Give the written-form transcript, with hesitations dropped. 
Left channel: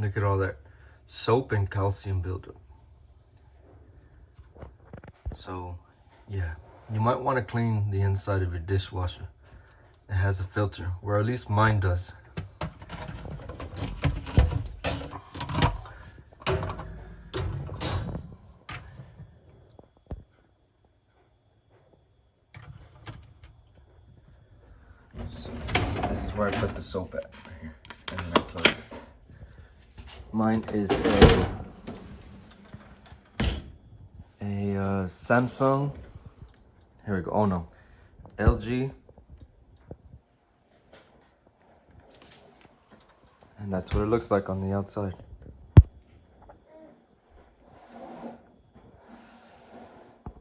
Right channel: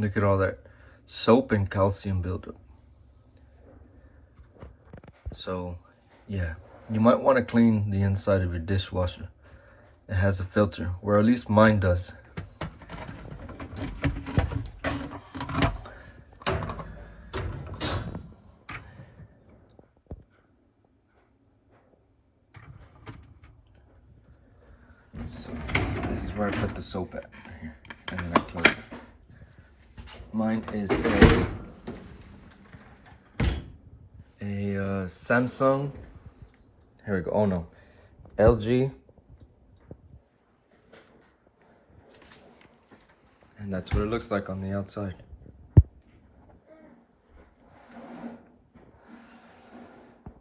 Look at all that soap and calcium buildup. So yeah, you might want to clean the inside of your dishwasher. It has a filter, or at least mine does. So this is where I put the soap at, right here, and then I close it. Mine is a Samsung. Here we go. Oh no, LG, and that's what it looks like on the outside.